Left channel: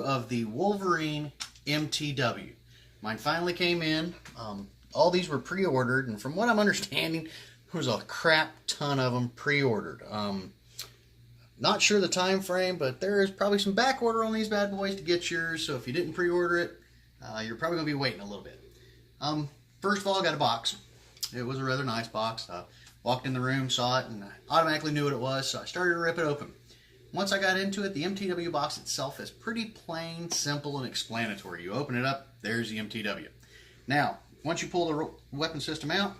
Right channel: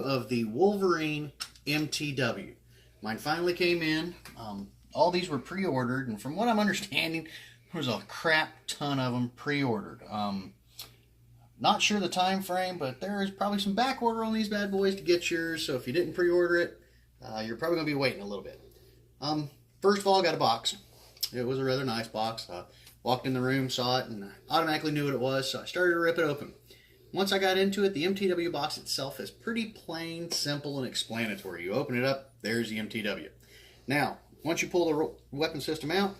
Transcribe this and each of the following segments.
review of the Wolverine Mtw. Mine finally came in. All these were pre-ordered, and from what I'm understanding, there was a crap ton of them pre-ordered. Not sure the time frame, but there is probably some back order on these bad boys to get yours, so if you didn't pre-order it, you're probably going to be waiting a little bit. First of all, I got a box. It was a rather nice box. Walked in the room, saw it, and I automatically knew what it was, so I started to rip it open. Once I got into it, the Mtw box itself is pretty plain, simple, and explanatory. You open it up, there's the Mtw. Now, once you pull the weapon system out,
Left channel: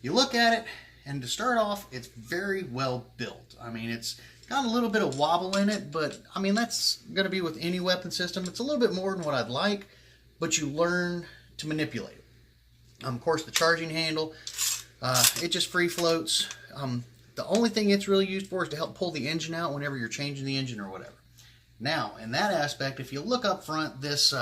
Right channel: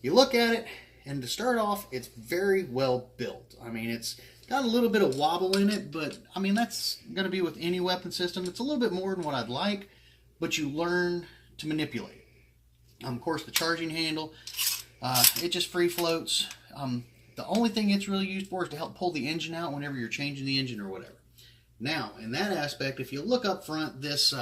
you look at it, and to start off, it's very well built. I mean, it's got a little bit of wobble in it, but I mean, that's going to be with any weapon system. It's a little bit more than what I'd like, but you learn to manipulate it. Of course, the charging handle, it just free floats. The only thing it's really used for is to help pull the engine out whenever you're changing the engine or whatever. Now, in that aspect, if you look up front, this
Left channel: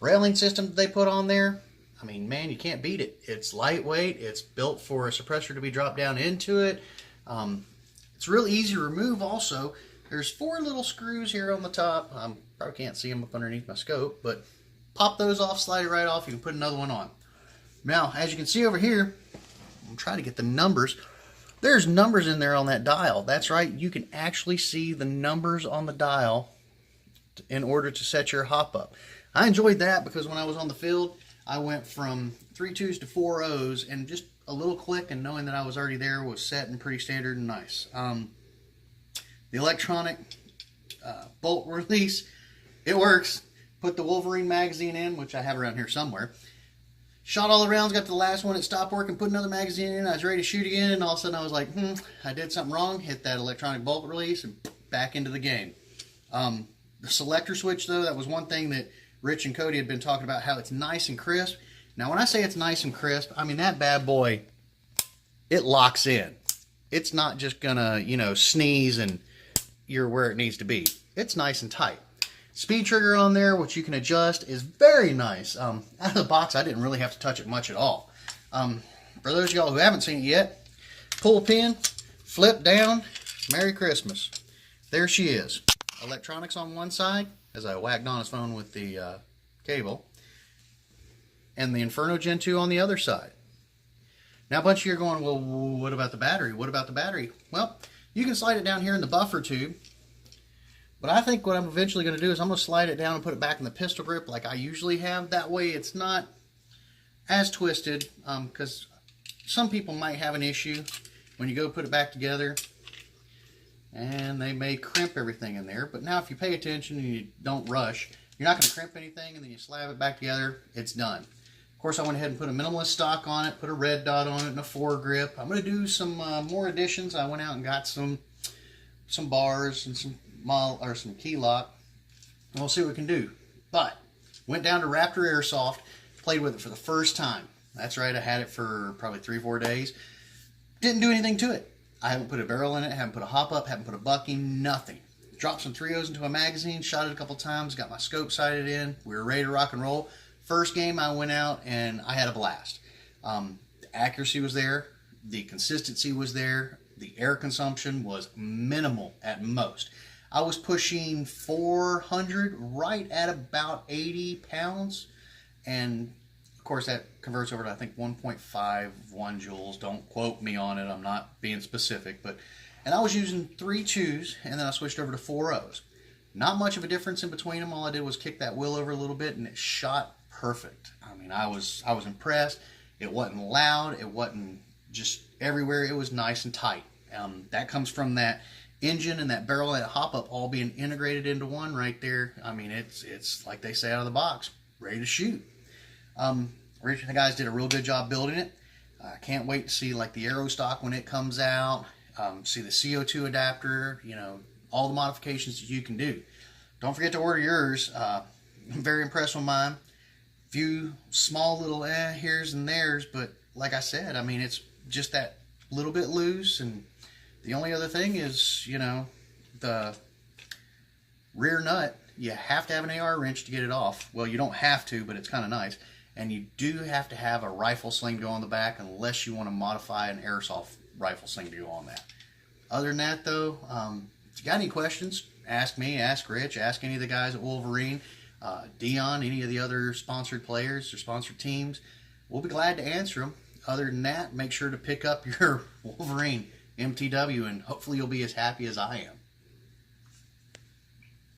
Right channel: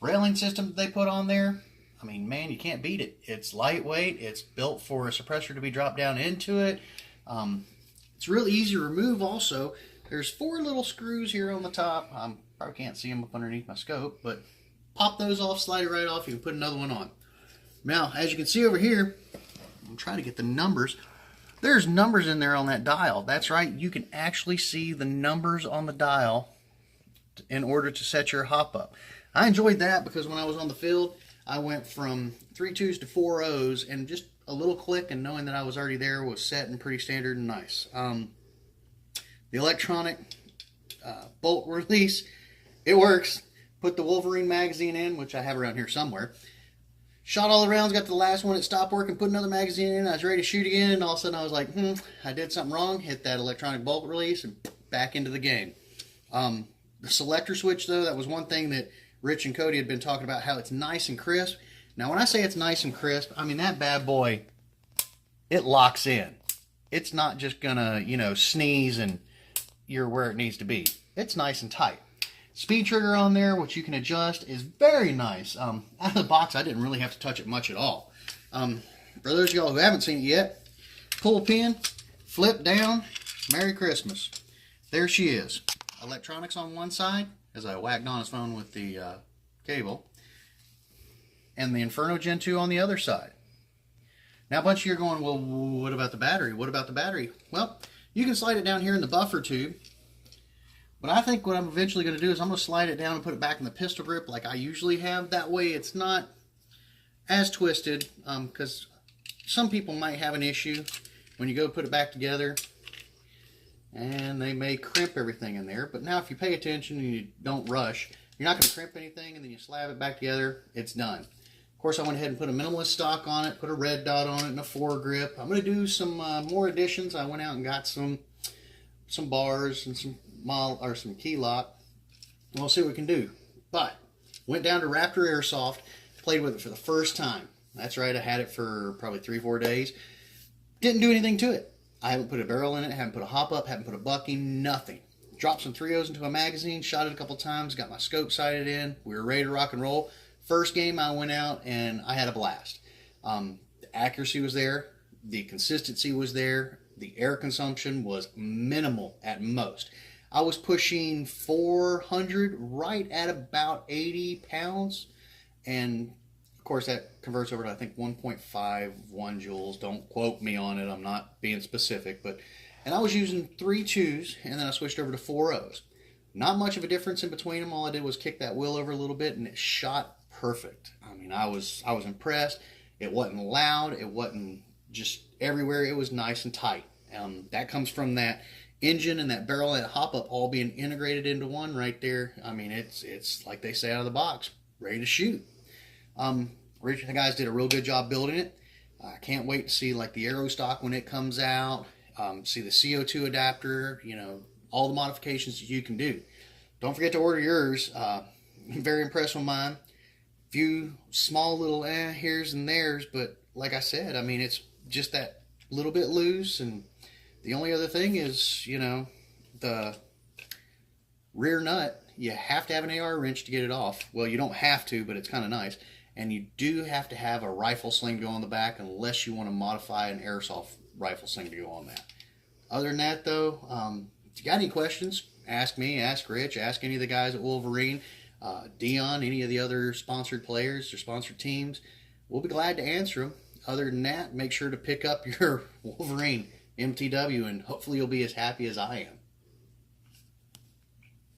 railing system that they put on there, I mean, man, you can't beat it. It's lightweight. It's built for a suppressor to be dropped down into it. It's real easy to remove also. There's 4 little screws here on the top. Probably can't see them up underneath my scope, but pop those off, slide it right off. You can put another one on. Now, as you can see over here, I'm trying to get the numbers. There's numbers in there on that dial. That's right, you can actually see the numbers on the dial in order to set your hop up. I enjoyed that because when I was on the field, I went from 3 2s to 4 0s, and just a little click and knowing that I was already there was set and pretty standard and nice. The electronic bolt release, it works. Put the Wolverine magazine in, which I have around here somewhere. Shot all the rounds, got to the last one, it stopped working, put another magazine in, I was ready to shoot again, and all of a sudden I was like, I did something wrong, hit that electronic bolt release, and back into the game. The selector switch, though, that was one thing that Rich and Cody had been talking about, how it's nice and crisp. Now, when I say it's nice and crisp, I mean that bad boy, it locks in. It's not just gonna, you know, sneeze and you're where it needs to be. It's nice and tight. Speed trigger on there, which you can adjust, is very nice. Out of the box, I didn't really have to touch it much at all. For those of y'all who haven't seen it yet, pull a pin, flip down, Merry Christmas. There she is. Electronics on one side, as I whacked on his phone with the cable, and the Inferno Gen 2 on the other side. Now a bunch of you are going, well, what about the battery? What about the battery? Well, you can slide it down here in the buffer tube. But I think what I'm eventually going to do is I'm going to slide it down and put it back in the pistol grip like I usually have. That way it's not as twisted, because some people might have an issue when you go put it back together and they may crimp everything in there. But now if you pay attention and you don't rush, you're not going to crimp anything, and then you slab it back together, it's done. Of course, I went ahead and put a minimalist stock on it, put a red dot on it and a foregrip. I'm going to do some more additions. I went out and got some bars and some key lock, and we'll see what we can do. But went down to Raptor Airsoft, played with it for the first time. That's right, I had it for probably 3 or 4 days. Didn't do anything to it. I haven't put a barrel in it, haven't put a hop up, haven't put a bucking, nothing. Dropped some 3.0s into a magazine, shot it a couple times, got my scope sighted in. We were ready to rock and roll. First game I went out and I had a blast. The accuracy was there, the consistency was there, the air consumption was minimal at most. I was pushing 400 right at about 80 pounds, and of course that converts over to I think 1.51 joules. Don't quote me on it, I'm not being specific, and I was using 3 2s, and then I switched over to 4 0s. Not much of a difference in between them. All I did was kick that wheel over a little bit, and it shot perfect. I mean, I was impressed. It wasn't loud, it wasn't just everywhere, it was nice and tight. That comes from that engine and that barrel and that hop up all being integrated into one right there. I mean, it's like they say out of the box, ready to shoot. Rich and the guys did a real good job building it. I can't wait to see like the aero stock when it comes out, see the CO2 adapter, you know, all the modifications that you can do. Don't forget to order yours. I'm very impressed with mine. Few small little here's and there's, but like I said, I mean, it's just that little bit loose, and the only other thing is, you know, the rear nut, you have to have an AR wrench to get it off. Well, you don't have to, but it's kind of nice. And you do have to have a rifle sling to go on the back unless you want to modify an airsoft rifle sling to go on that. Other than that, though, if you got any questions, ask me, ask Rich, ask any of the guys at Wolverine, Dion, any of the other sponsored players or sponsored teams. We'll be glad to answer them. Other than that, make sure to pick up your Wolverine Mtw, and hopefully you'll be as happy as I am.